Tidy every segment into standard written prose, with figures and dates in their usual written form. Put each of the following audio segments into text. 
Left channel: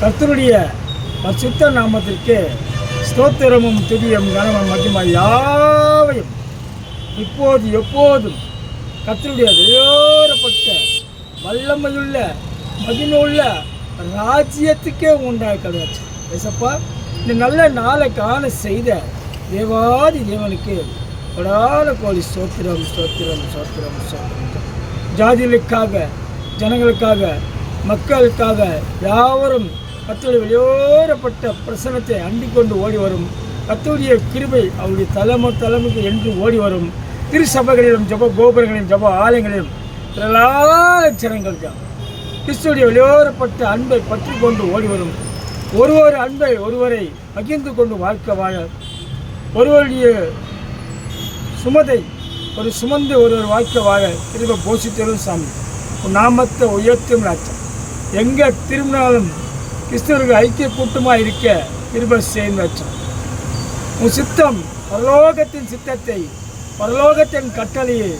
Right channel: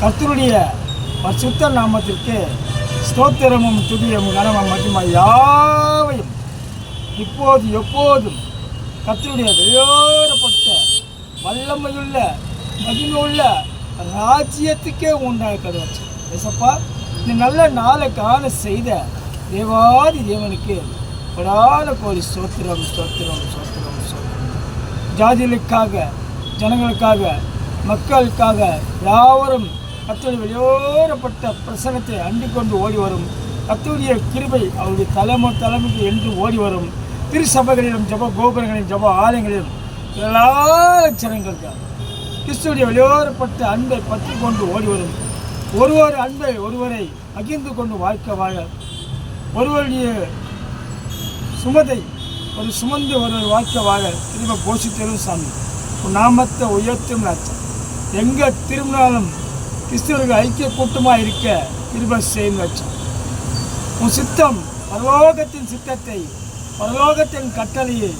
கர்த்தருடைய பரிசுத்த நாமத்திற்கு ஸ்தோத்திரமும் துதியும் கனமும் மகிமையும் யாவையும் இப்போது எப்போதும் கர்த்தருடைய வேறுபட்ட வல்லமையுள்ள மகிமையுள்ள ராஜ்யத்துக்கே உண்டாய் கருவாச்சு. ஏசப்பா, இந்த நல்ல நாளை காண செய்த தேவாதி தேவனுக்கு கொடான கோடி ஸ்தோத்திரம் ஸ்தோத்திரம் ஸ்தோத்திரம் ஸ்தோத்திரம். ஜாதிகளுக்காக, ஜனங்களுக்காக, மக்களுக்காக யாவரும் கர்த்தருடைய வெளியேறப்பட்ட பிரசனத்தை அண்டிக் கொண்டு ஓடி வரும். கர்த்தருடைய கிருபை அவருடைய தலைமைக்கு என்று ஓடி வரும். திருச்சபைகளிலும் ஜப கோபுரங்களிலும் ஜப ஆலயங்களிலும் திரளான ஜனங்களுக்கு கிறிஸ்துடைய வெளியேறப்பட்ட அன்பை பற்றி கொண்டு ஓடி வரும். ஒருவர் அன்பை ஒருவரை பகிர்ந்து கொண்டு வாழ்க்கை வாழ, ஒருவருடைய சுமதை ஒரு சுமந்து ஒருவர் வாழ்க்கை வாழ திரும்ப போஷித்தரும் சாமி நாமத்தை உயர்த்தும் ராஜா. எங்கே திரும்பினாலும் கிறிஸ்தவர்கள் ஐக்கிய கூட்டமாக இருக்க திரும்ப செய்யும் ராஜா. உன் சித்தம் பரலோகத்தின் சித்தத்தை, பரலோகத்தின் கட்டளையை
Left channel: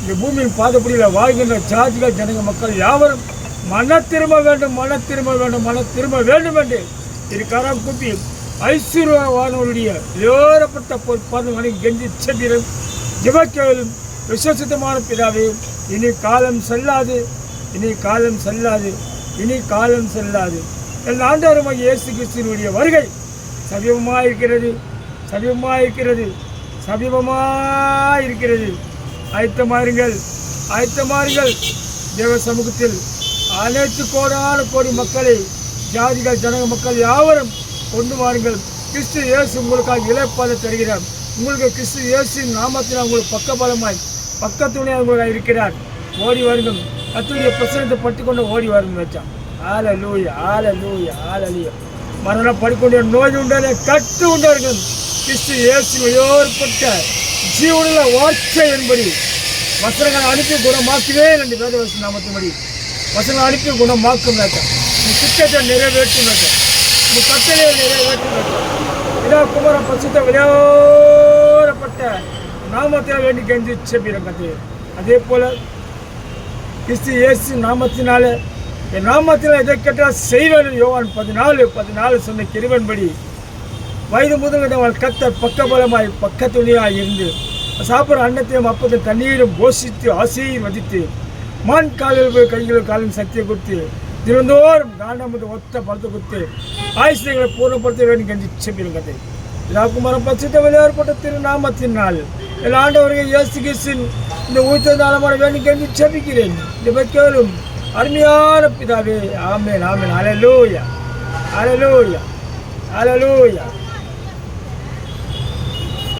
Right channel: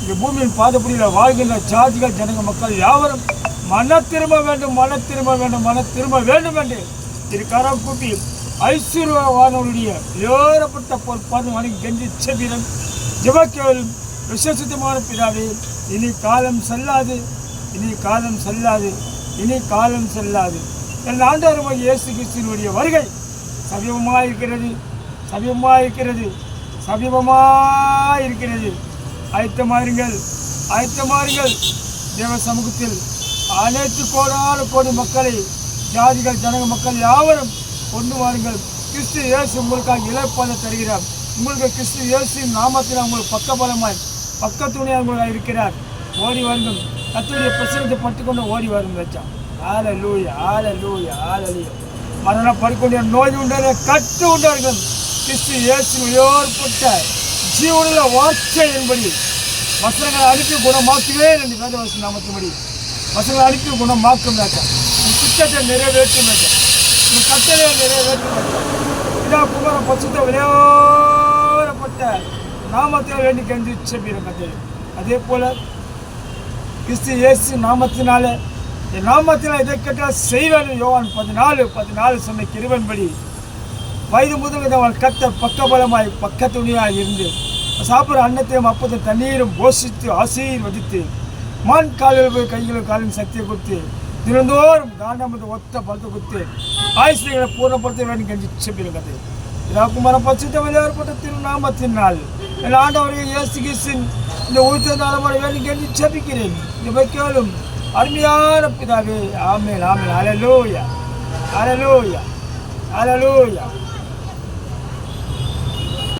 இந்த பூமியின் பாதப்படியில் வாழ்கின்ற ஜாதிகள் ஜனங்க மக்கள் யாவரும் மன திரும்ப வேண்டும், மன திரும்ப வேண்டும், மன திரும்ப வேண்டும் என்று இருக்காரம் கூப்பி ஐஸ்வர்யவானவருடைய வேறுபட்ட பொறுப்பான வணங்கி கெஞ்சி செல்கிறோம். ஜெபக்கேவலும் விசுவாசித்தமான பிதாவே, இனி காலம் செல்லாது, இனி காலம் செல்லாது, இனி காலம் செல்லாது. என் ஆண்டவருமாகிய இயேசு கிறிஸ்துவினுடைய வருகை சமீபமாக இருக்கிறது, சமீபமாக இருக்கிறது, சமீபமாக இருக்கிறது. ஆயத்தமாருங்கள், ஆயத்தமாருங்கள். தேவ சமூகத்தில் அனைத்து கோடான கோடி மக்களை, ஜாதிகள் ஜனக மக்கள் யாவரும் கொண்டு வாருங்கள். கிறிஸ்து இயேசு உங்களுக்காக இளைப்பாத தருகிறார். உங்களுக்கு கிறிஸ்து இயேசுவின் நாமத்தில் உங்களுக்கு பக்கபலமாய் பக்கத்துணையாக உங்களுக்காக இருக்கிறார். ஓடி வருங்கள், கர்த்தருடைய பிரசனத்தை பட்டுக்கொண்டு ஓடி வரும் வச்சா. ஹல்லேலூயா, ஹல்லேலூயா, ஹல்லேலூயா. மரணம் படிக்கொண்ட நோய் உண்டான கட்டு உண்டார்கள். கிறிஸ்து இயேசு வெளியேறப்பட்ட ஜீவனுள்ள வார்த்தை என்படி வசனங்களை அனுப்பி குணமாக்குவே என்று வேதவச நாமத்தின்படி வசனங்களை அனுப்பி குணமாக்கும் ராஜா. நீ திட்டத்தை நிறைவேற்றும் ராஜா, நீ கட்டளையை நிறைவேற்றும் ராஜா. இதா குமார பசுத்த வெளியேறப்பட்ட நாமத்தில் வேண்டி கெஞ்சி செப்பிடும் கதை. அதே போல கிறிஸ்து இயேசு நாமத்தினால என் நாமத்தினால் இதை கேட்டால் செய்வேன். யோவான் 14:14 சொன்ன கிருபையின்படி வயது முதல் அவள் கர்த்தர் பக்கபலமாய் பக்கத்துணியாய் இருந்து சாப்பிட்ற அன்னத்தையும் அப்பத்தையும் தண்ணீரும் போஷித்து ஆசீர்வதித்து மான் காலில் போய் கைகளும் காலின் சக்தியை கொடுத்து தினந்தோறும் காண்டமது ஒத்த பழத்தை கொடுத்து ஆயுஷ்களை பூர்ணப்படுத்த வேண்டும் கெஞ்சி செப்பிடும் கதை. இதாக்குமார பட்சத்தை வெளியேறப்பட்ட திருநாமத்தினால் என் ஆண்டவர்கள் இயேசு கிறிஸ்துவின் இந்த உயிர்த்த நலமான வேண்டும் கெஞ்சி செபிக்கிறேன். இந்த கேளும் அருமையான பிதாவே. ஆமென், ஆமென். ஹல்லேலூயா, ஹல்லேலூயா, ஹல்லேலூயா.